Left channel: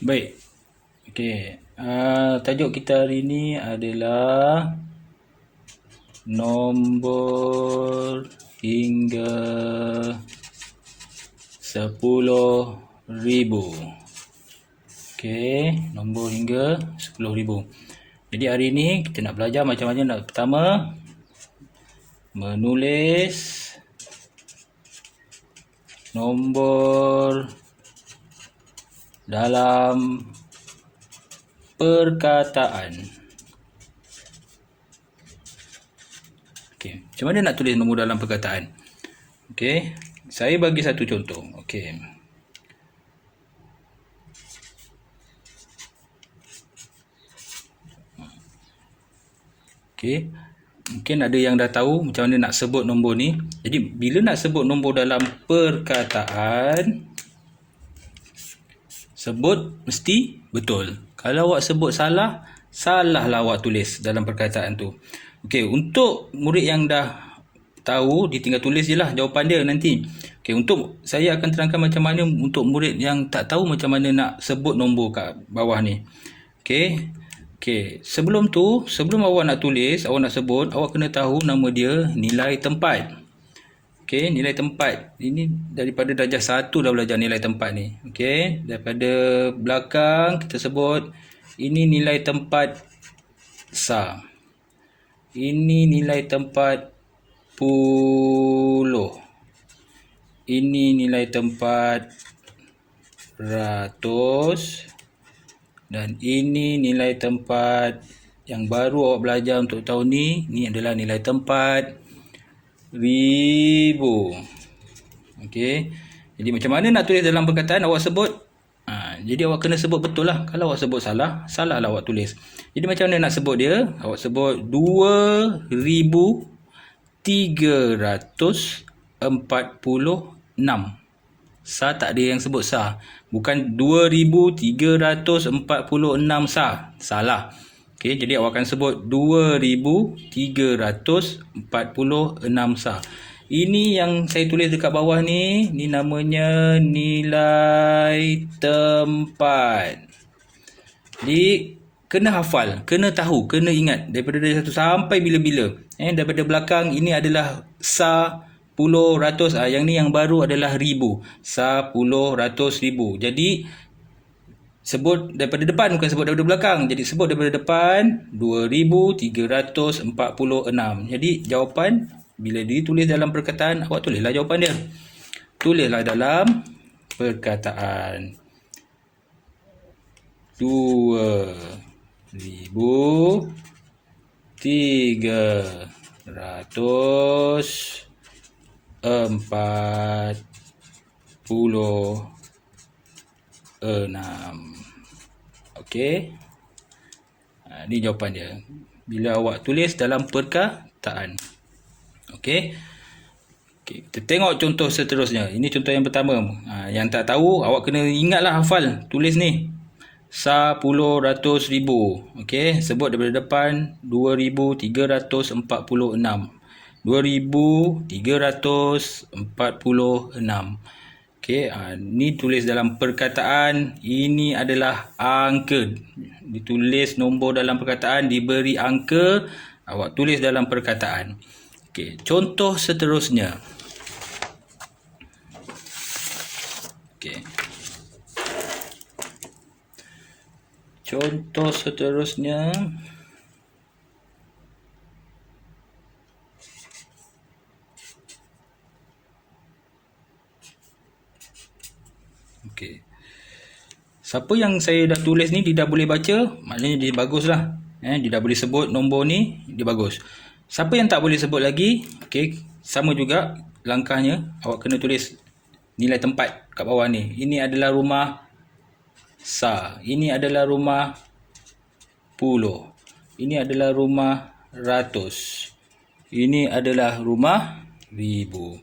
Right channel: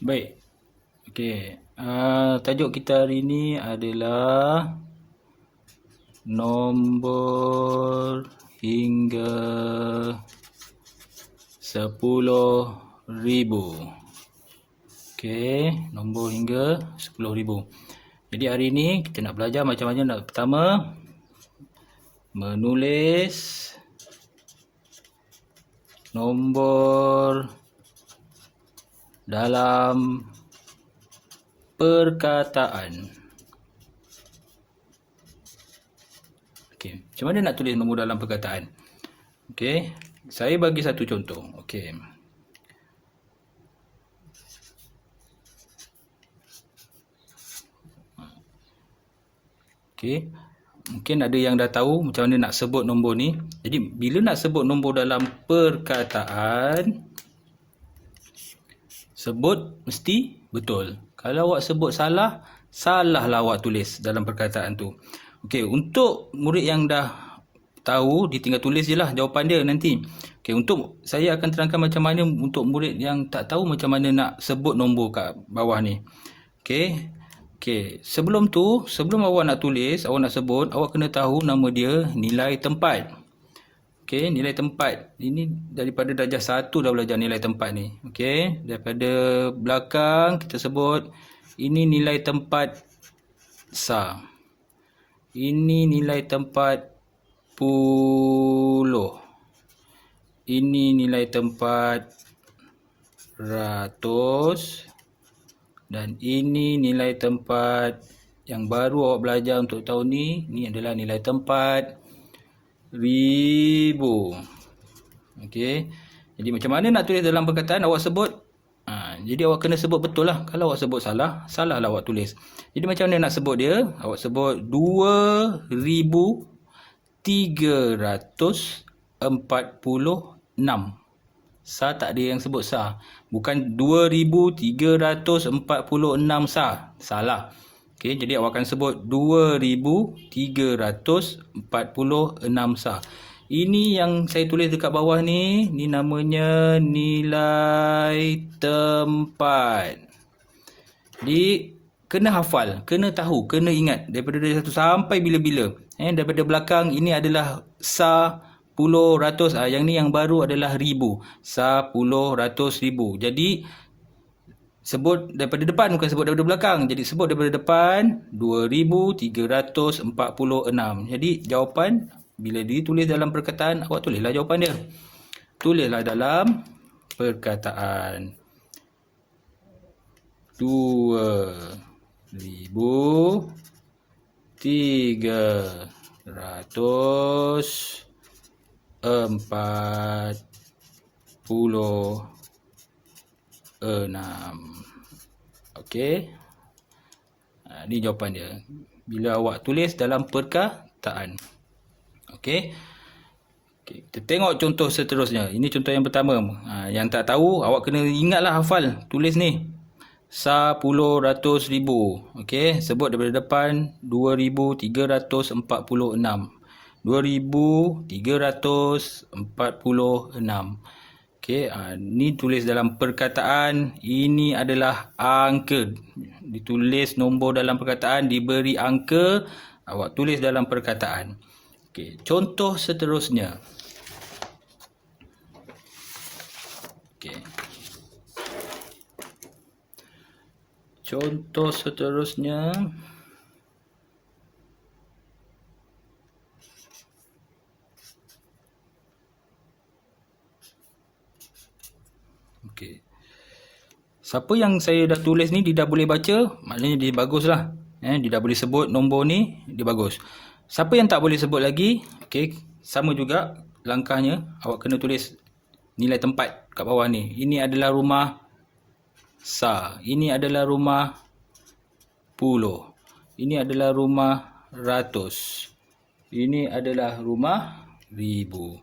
Baik. Okey. Tajuk kita hari ini adalah nombor hingga 10,000. Okey, nombor hingga 10,000. Jadi hari ini kita nak belajar macam mana nak pertama menulis nombor dalam perkataan. Okey, macam mana nak tulis nombor dalam perkataan? Okey, saya bagi satu contoh. Okey. Okey, mungkin ada yang dah tahu macam mana nak sebut nombor ni. Jadi bila nak sebut nombor dalam perkataan, sebut mesti betul. Kalau awak sebut salah, salahlah awak tulis dalam perkataan tu. Okey, untuk murid yang dah tahu, dia tinggal tulis je lah jawapan dia nanti. Okey, untuk saya akan terangkan macam mana untuk murid yang tak tahu macam mana nak sebut nombor kat bawah ni. Okey. Okey, sebelum awak nak tulis, awak nak sebut, awak kena tahu nama dia nilai tempat. Okey, nilai tempat. Ini daripada darjah 1 dah belajar nilai tempat ni. Okey, daripada belakang kita sebut ini nilai tempat sa. Ini nilai tempat puluh. Ini nilai tempat ratus. Dan ini nilai tempat yang baru awak belajar untuk tahun ni. Ni adalah nilai tempat ribu. Okey. Jadi macam mana nak tulis dalam perkataan awak sebut? Jadi awak kena sebut betul lah. Kalau awak sebut salah, salahlah awak tulis. Jadi macam mana nak sebut dia? Awak sebut 2,346. Sa tak ada yang sebut sa. Bukan 2,346 sa. Salah. Okey, jadi awak akan sebut 2,346 sa. Ini yang saya tulis dekat bawah ni, ni namanya nilai tempat. Jadi kena hafal, kena tahu, kena ingat daripada dari 1 sampai bila-bila. Daripada belakang ini adalah sa, puluh, ratus. Yang ni yang baru adalah ribu. Sa, puluh, ratus, ribu. Jadi sebut daripada depan, bukan sebut daripada belakang. Jadi sebut daripada depan 2,346. Jadi jawapan bila ditulis dalam perkataan, awak tulislah jawapan dia. Tulislah dalam perkataan 2,346. Okey. Ini jawapan dia. Bila awak tulis dalam perkataan. Okey. Okey, kita tengok contoh seterusnya. Ini contoh yang pertama. Yang tak tahu, awak kena ingatlah hafal. Tulis ni. Sa, puluh, ratus, ribu. Okey, sebut daripada depan 2,346. 2,346. Okey, ni tulis dalam perkataan. Ini adalah angka. Ditulis nombor dalam perkataan, diberi angka, awak tulis dalam perkataan. Okey, contoh seterusnya. Okey. Contoh seterusnya. Okey. Siapa yang saya dah tulis ni, dia dah boleh baca, maknanya dia bagus lah. Dia dah boleh sebut nombor ni, dia bagus. Siapa yang tak boleh sebut lagi, okey, sama juga langkahnya. Awak kena tulis nilai tempat kat bawah ni. Ini adalah rumah sa. Ini adalah rumah puluh. Ini adalah rumah ratus. Ini adalah rumah ribu.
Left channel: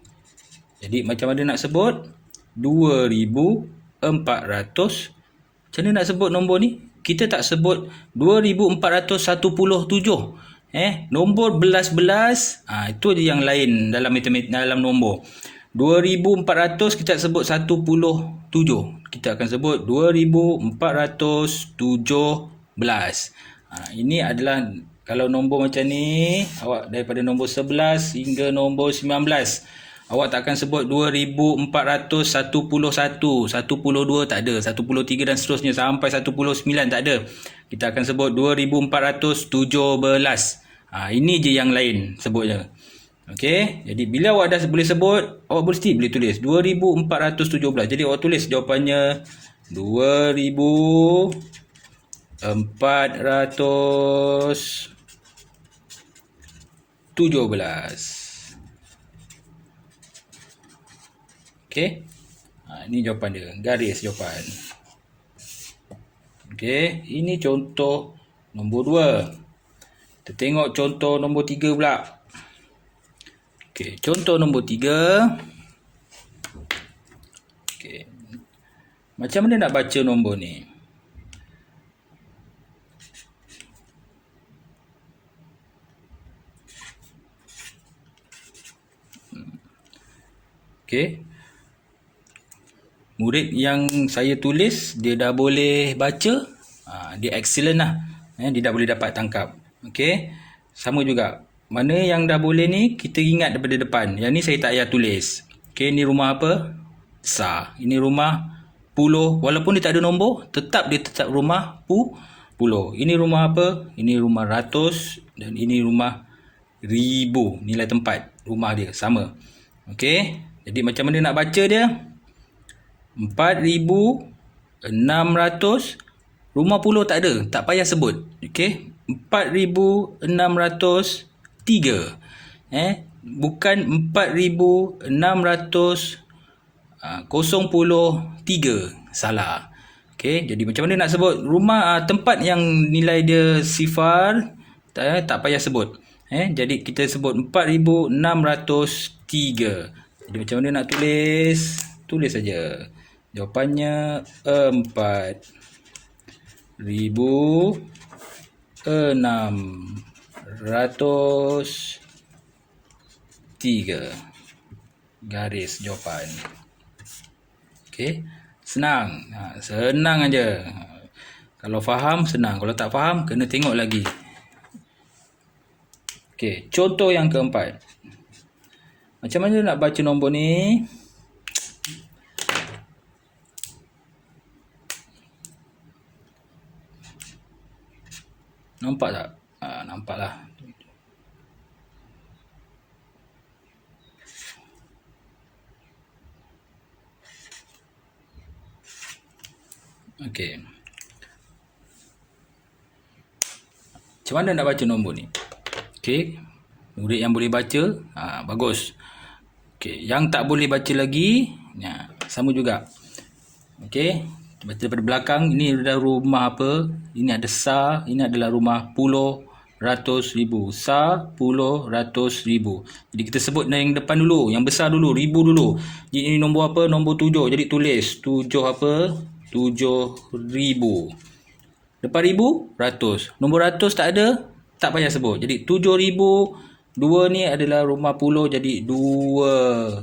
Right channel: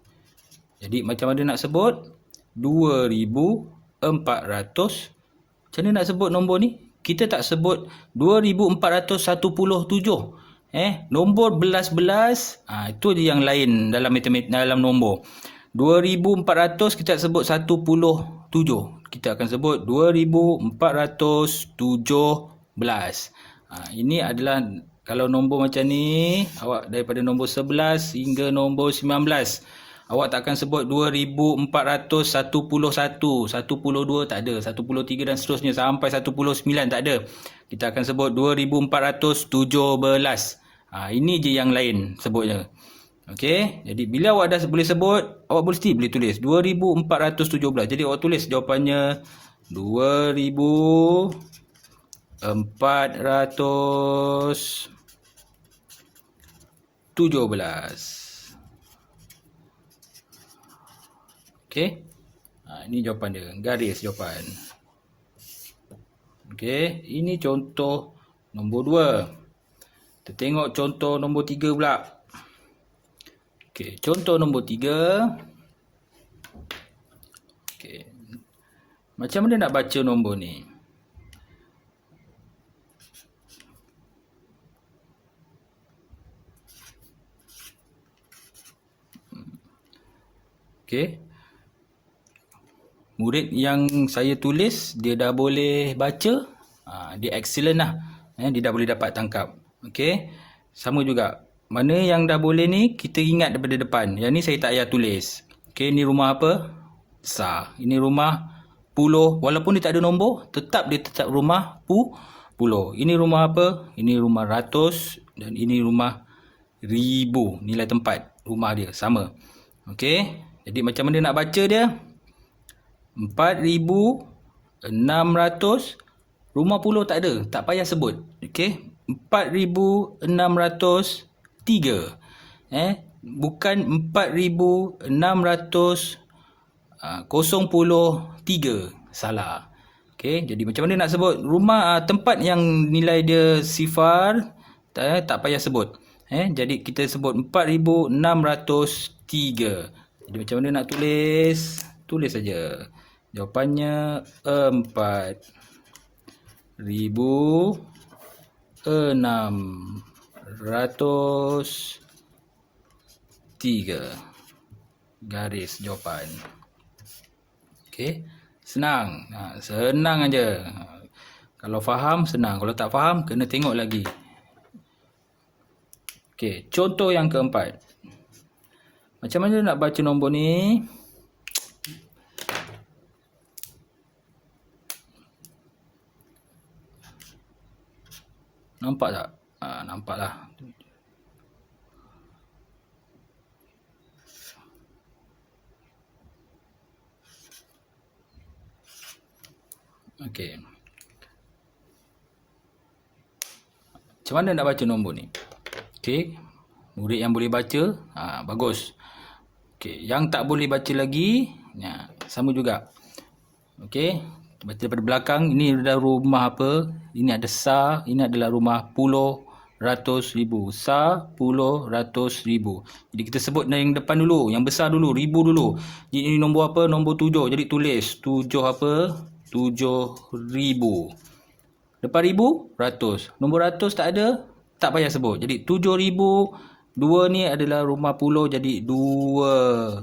Jadi macam mana nak sebut? 2,400. Macam mana nak sebut nombor ni? Kita tak sebut 2,417. Nombor belas-belas, itu je yang lain dalam matematik, dalam nombor. 2400 kita sebut 17. Kita akan sebut 2417. Ini adalah kalau nombor macam ni, awak daripada nombor 11 hingga nombor 19. Awak tak akan sebut 2411, 12 tak ada, 13 dan seterusnya sampai 19 tak ada. Kita akan sebut 2417. Ini je yang lain sebutnya. Okey, jadi bila awak dah boleh sebut, awak boleh tulis 2417. Jadi awak tulis jawapannya 2417. Okey. Ini jawapan dia, garis jawapan. Okey, ini contoh nombor 2. Kita tengok contoh nombor 3 pula. Okey, contoh nombor 3. Okey. Macam mana nak baca nombor ni? Okey. Murid yang saya tulis, dia dah boleh baca. Dia excellent lah. Dia dah boleh dapat tangkap. Okey. Sama juga. Mana yang dah boleh ni, kita ingat daripada depan. Yang ni saya tak payah tulis. Okey, ni rumah apa? Sa. Ini rumah puluh. Walaupun dia tak ada nombor, dia tetap rumah puluh. Ini rumah apa? Ini rumah ratus. Dan ini rumah ribu. Nilai tempat rumah dia. Sama. Okey. Jadi macam mana nak baca dia? 4600. Rumah puluh tak ada, tak payah sebut. Okey, 4603. Bukan 4603. Salah. Okey, jadi macam mana nak sebut rumah tempat yang nilai dia sifar, tak payah sebut. Jadi kita sebut 4603. Jadi macam mana nak tulis? Tulis saja. Jawapannya 4603. Garis jawapan. Okey, senang. Senang aja. Kalau faham senang, kalau tak faham kena tengok lagi. Okey, contoh yang keempat. Macam mana nak baca nombor ni? Nampak tak? Nampaklah. Okey. Macam mana nak baca nombor ni? Okey. Murid yang boleh baca, bagus. Okey, yang tak boleh baca lagi, sama juga. Okey. Baca daripada belakang, ini adalah rumah apa? Ini ada sa, ini adalah rumah puluh, ratus, ribu. Sa, puluh, ratus, ribu. Jadi kita sebut yang depan dulu, yang besar dulu, ribu dulu. Jadi ini nombor apa? Nombor 7. Jadi tulis 7 apa? 7,000. Depan ribu, ratus. Nombor ratus tak ada, tak payah sebut. Jadi 7,000. 2 ni adalah rumah puluh, jadi 26.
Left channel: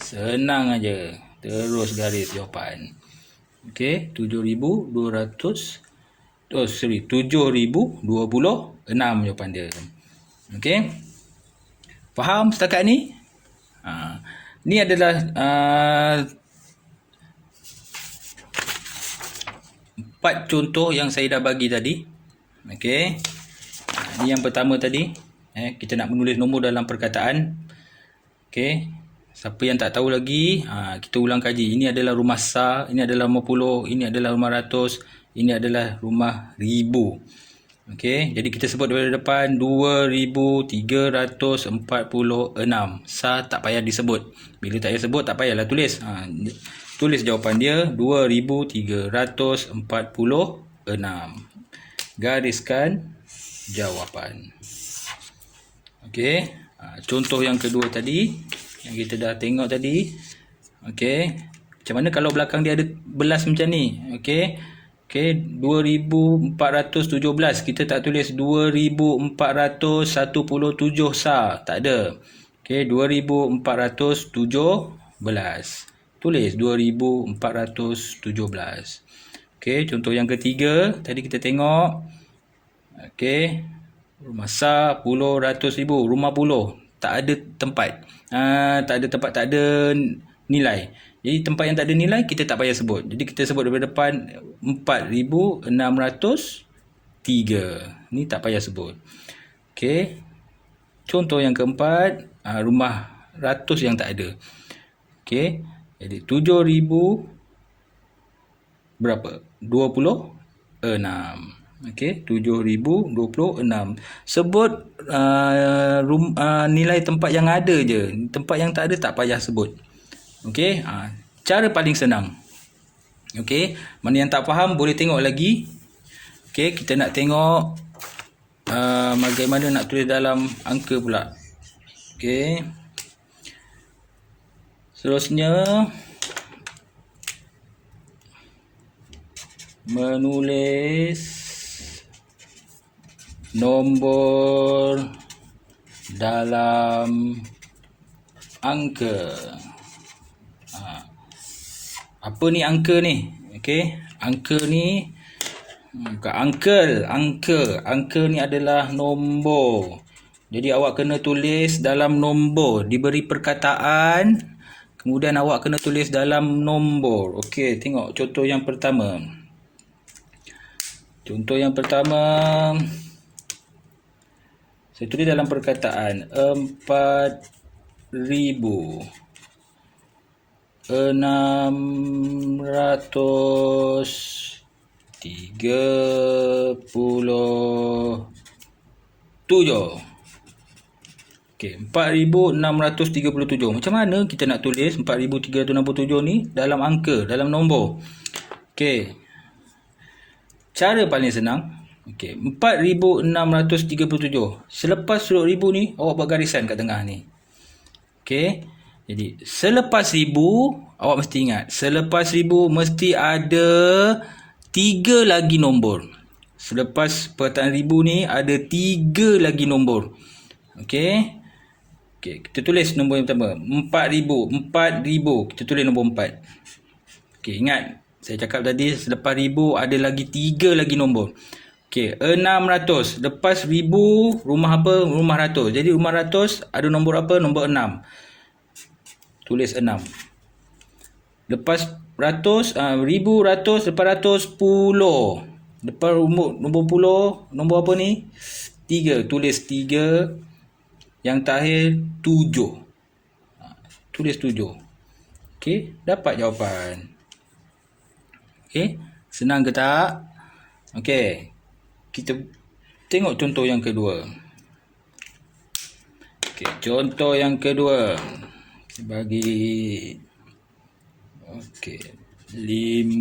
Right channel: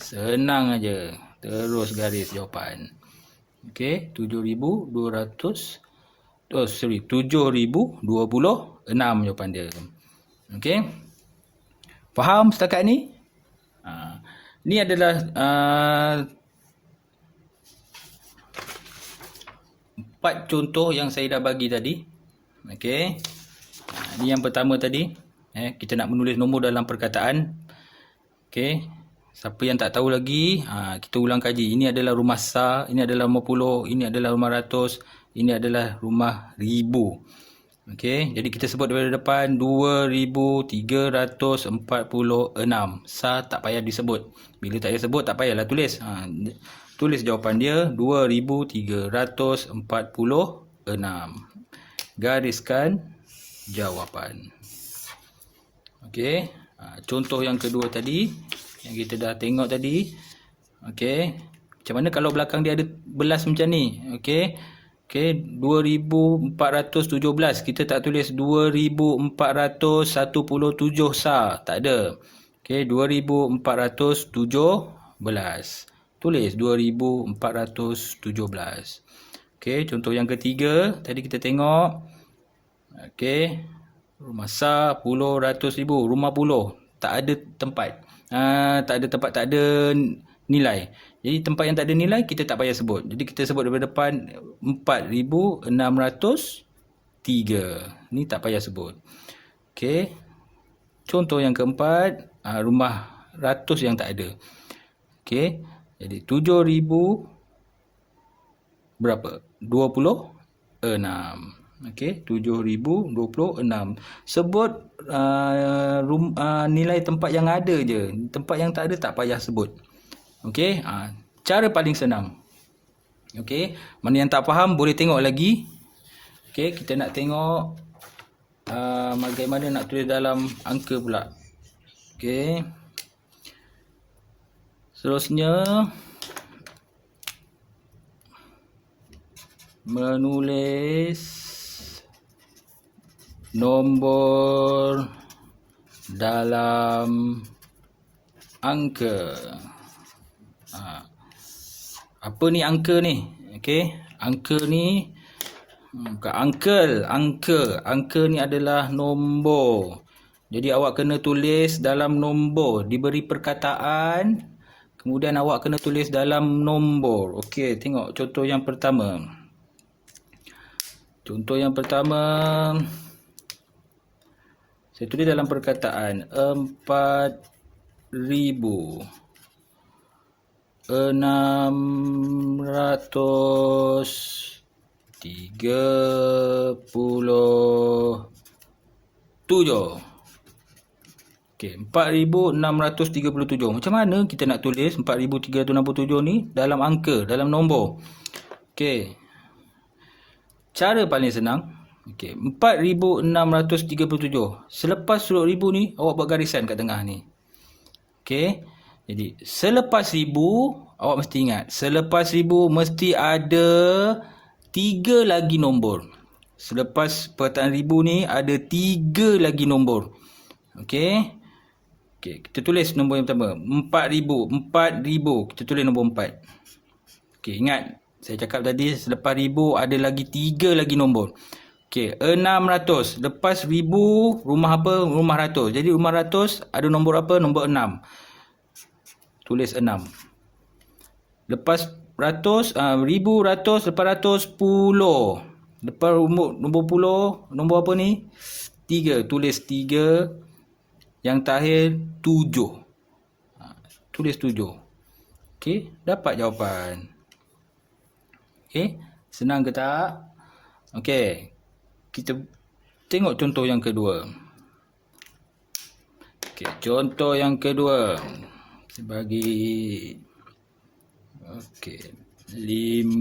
Senang aja. Terus garis jawapan. Okey, 7,026 jawapan dia. Okey. Faham setakat ni? Ni adalah 4 contoh yang saya dah bagi tadi. Okey. Ni yang pertama tadi. Kita nak menulis nombor dalam perkataan. Okey. Siapa yang tak tahu lagi, kita ulang kaji. Ini adalah rumah sa, ini adalah rumah puluh, ini adalah rumah ratus, ini adalah rumah ribu. Okey, jadi kita sebut daripada depan 2346. Sa tak payah disebut. Bila tak payah sebut, tak payahlah tulis. Tulis jawapan dia 2346. Gariskan jawapan. Okey, contoh yang kedua tadi yang kita dah tengok tadi. Okey, macam mana kalau belakang dia ada belas macam ni? Okey, Okey, 2417. Kita tak tulis 2417 sah. Tak ada. Okey, 2417. Tulis 2417. Okey, contoh yang ketiga. Tadi kita tengok. Okey. Rumah sah, puluh, ratus ribu. Rumah puluh. Tak ada tempat. Tak ada tempat, tak ada nilai. Jadi tempat yang tak ada nilai kita tak payah sebut. Jadi kita sebut daripada depan 4603. Ni tak payah sebut. Okey. Contoh yang keempat, rumah ratus yang tak ada. Okey. Jadi 7000 berapa? 26. Okey, 7026. Sebut nilai tempat yang ada je. Tempat yang tak ada tak payah sebut. Okey, cara paling senang. Okey, mana yang tak faham boleh tengok lagi. Okey, kita nak tengok bagaimana nak tulis dalam angka pula. Okey. Seterusnya menulis nombor dalam angka. Apa ni angka ni? Okey, angka ni bukan angka ni adalah nombor. Jadi awak kena tulis dalam nombor. Diberi perkataan, kemudian awak kena tulis dalam nombor. Okey, tengok contoh yang pertama. Contoh yang pertama, saya tulis dalam perkataan 4637. Okey, 4637. Macam mana kita nak tulis 4367 ni dalam angka, dalam nombor? Okey. Cara paling senang. Okey, 4637. Selepas huruf ribu ni, awak buat garisan kat tengah ni. Okey. Jadi, selepas ribu, awak mesti ingat. Selepas ribu, mesti ada 3 lagi nombor. Selepas perkataan ribu ni, ada 3 lagi nombor. Okey. Okey, kita tulis nombor yang pertama. 4000. 4000. Kita tulis nombor 4. Okey, ingat. Saya cakap tadi, selepas ribu, ada lagi 3 lagi nombor. Okey, 600. Lepas ribu, rumah apa? Rumah ratus. Jadi, rumah ratus ada nombor apa? Nombor 6. Tulis 6. Lepas ratus, ribu, ratus, lepas ratus, puluh. Lepas nombor puluh, nombor apa ni? 3. Tulis 3. Yang terakhir, 7. Tulis 7. Okey, dapat jawapan. Okey, senang ke tak? Okey, kita tengok contoh yang kedua. Okey, contoh yang kedua. Bagi okey 5000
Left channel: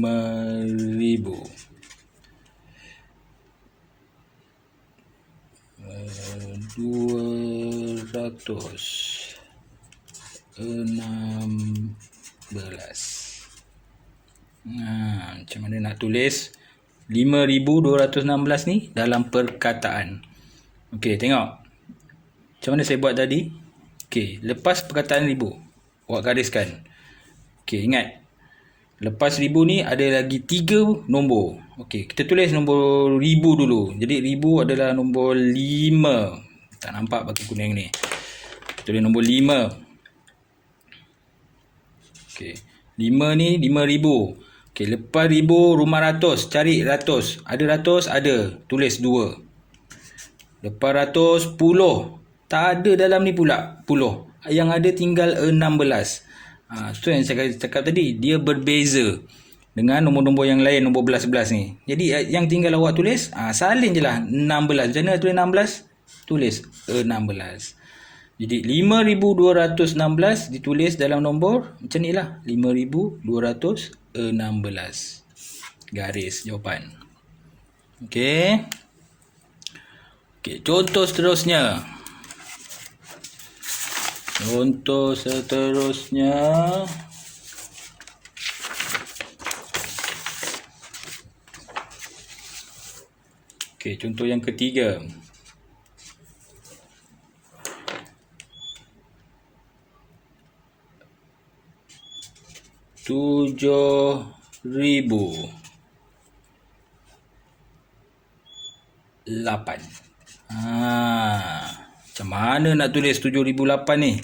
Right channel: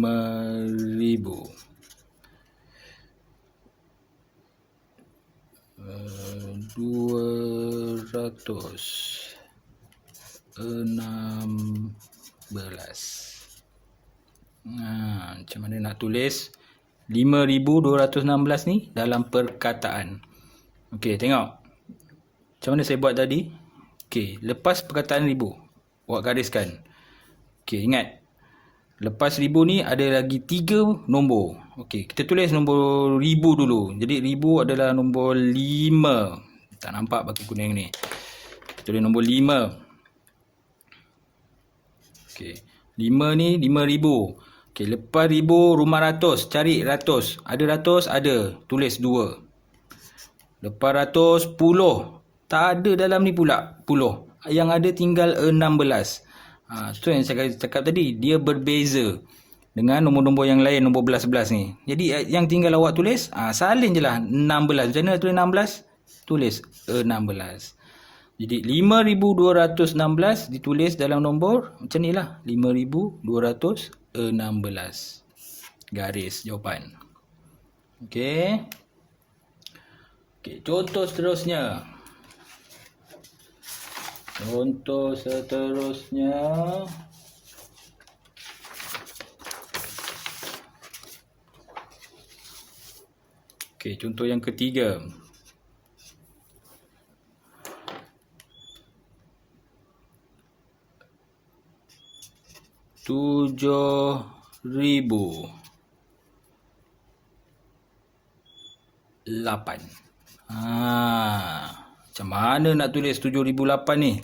216. Macam mana nak tulis 5216 ni dalam perkataan? Okey, tengok. Macam mana saya buat tadi? Okey, lepas perkataan ribu, awak gariskan. Okey, ingat. Lepas ribu ni ada lagi 3 nombor. Okey, kita tulis nombor ribu dulu. Jadi ribu adalah nombor 5. Tak nampak pakai kuning ni. Kita tulis nombor 5. Okey, 5 ni 5000. Okey, lepas ribu rumah ratus. Cari ratus. Ada ratus? Ada. Tulis 2. Lepas ratus, puluh. Tak ada dalam ni pula puluh. Yang ada tinggal 16. Tu yang saya cakap tadi. Dia berbeza dengan nombor-nombor yang lain. Nombor 11-11 ni. Jadi yang tinggal awak tulis, salin je lah 16. Macam mana tulis 16? Tulis 16. Jadi 5216 ditulis dalam nombor macam ni lah. 5216. Garis jawapan. Okey. Okey, contoh seterusnya. Contoh seterusnya. Okey, contoh yang ketiga. $7,008. Macam mana nak tulis 7,008 ni?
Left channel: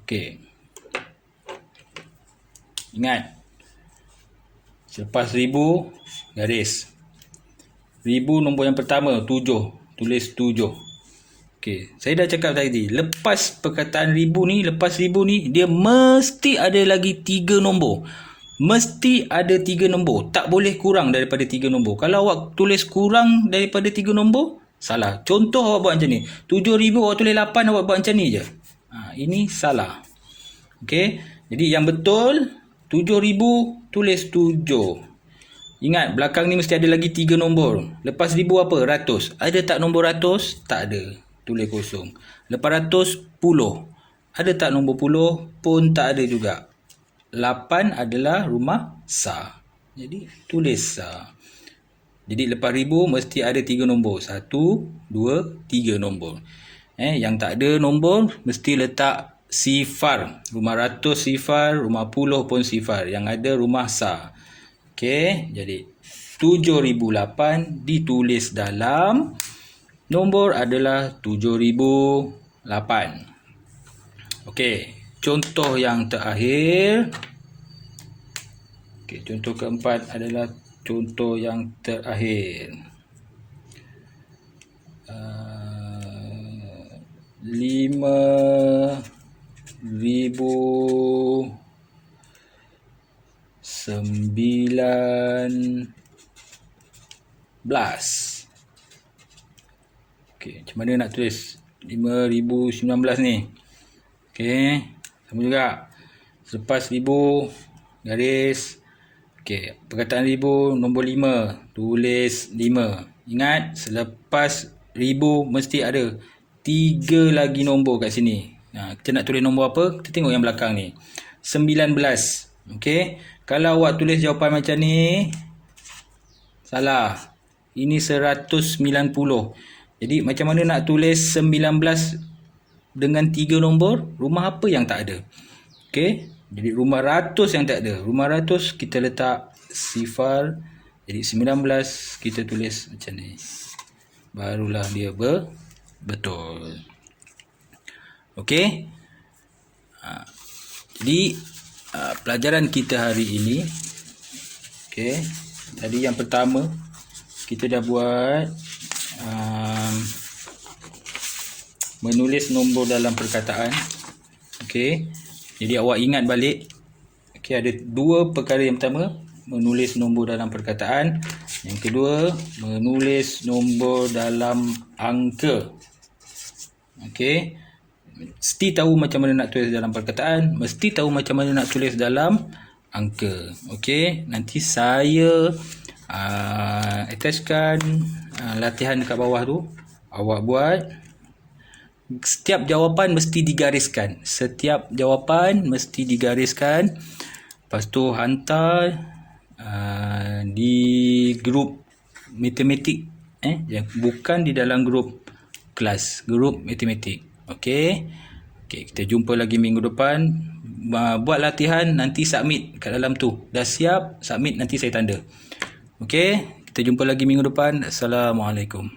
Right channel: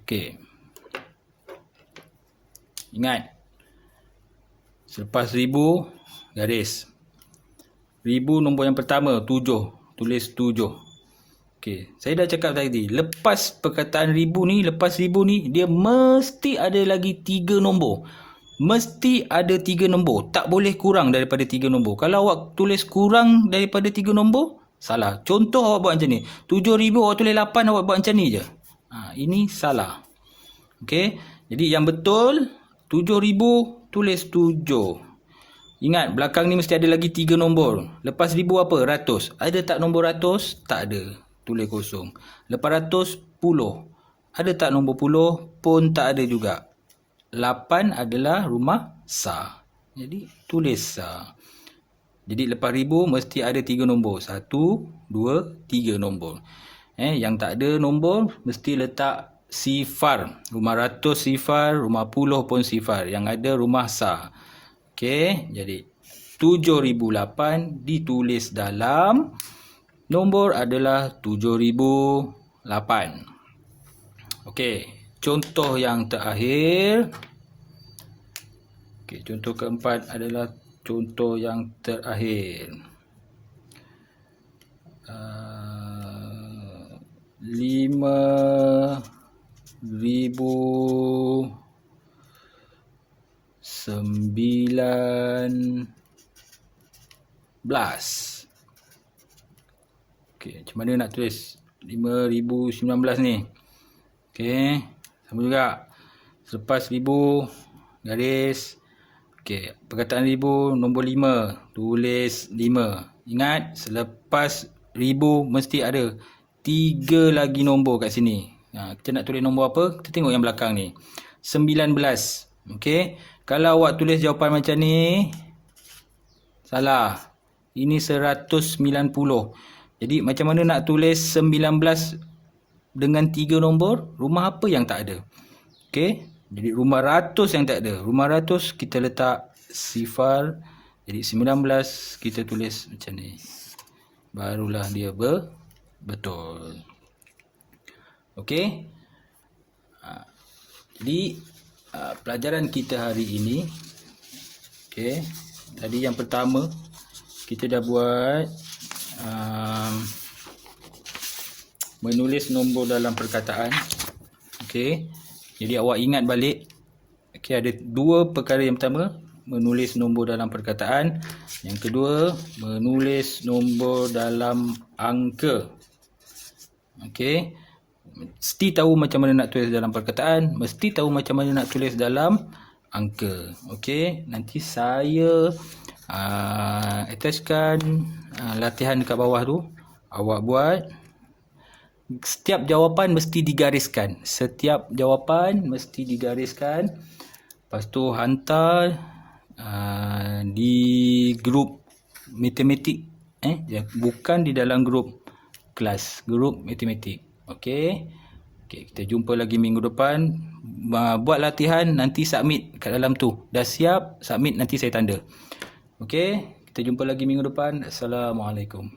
Okey. Ingat. Selepas 1,000 garis. 1,000 nombor yang pertama 7. Tulis 7. Okey, saya dah cakap tadi, lepas perkataan 1,000 ni, lepas 1,000 ni, dia mesti ada lagi 3 nombor. Mesti ada 3 nombor. Tak boleh kurang daripada 3 nombor. Kalau awak tulis kurang daripada 3 nombor, salah. Contoh awak buat macam ni. 7,000 awak tulis 8, awak buat macam ni je. Ini salah. Okey, jadi yang betul, 7,000 tulis 7. Ingat, belakang ni mesti ada lagi 3 nombor. Lepas 1,000 apa? Ratus. Ada tak nombor ratus? Tak ada. Tulis kosong. Lepas ratus, puluh. Ada tak nombor puluh? Pun tak ada juga. 8 adalah rumah sah. Jadi, tulis sah. Jadi, lepas 1,000 mesti ada 3 nombor. 1, 2, 3 nombor. Yang tak ada nombor, mesti letak sifar. Rumah ratus sifar, rumah puluh pun sifar. Yang ada rumah sah. Okey, jadi 7,008 ditulis dalam nombor adalah 7,008. Okey, contoh yang terakhir. Okey, contoh keempat adalah contoh yang terakhir. 5,019. Okey, macam mana nak tulis 5,019 ni? Okey, sama juga. Selepas 1,000 garis. Okey, perkataan 1,000 nombor 5, tulis 5. Ingat, selepas 1,000 mesti ada 3 lagi nombor kat sini. Kita nak tulis nombor apa? Kita tengok yang belakang ni. 19. Okey, kalau awak tulis jawapan macam ni, salah. Ini 190. Jadi macam mana nak tulis 19 dengan 3 nombor? Rumah apa yang tak ada? Okey, jadi rumah ratus yang tak ada. Rumah ratus kita letak sifar. Jadi 19 kita tulis macam ni. Barulah dia betul. Okey. Jadi pelajaran kita hari ini, okey, tadi yang pertama kita dah buat menulis nombor dalam perkataan. Okey, jadi awak ingat balik. Okey, ada 2 perkara. Yang pertama, menulis nombor dalam perkataan. Yang kedua, menulis nombor dalam angka. Okey, mesti tahu macam mana nak tulis dalam perkataan, mesti tahu macam mana nak tulis dalam angka. Okey, nanti saya attachkan latihan dekat bawah tu. Awak buat. Setiap jawapan mesti digariskan. Setiap jawapan mesti digariskan. Lepas tu hantar di grup matematik. Bukan di dalam grup kelas, grup matematik. Okey. Okey, kita jumpa lagi minggu depan. Buat latihan, nanti submit kat dalam tu. Dah siap, submit, nanti saya tanda. Okey, kita jumpa lagi minggu depan. Assalamualaikum.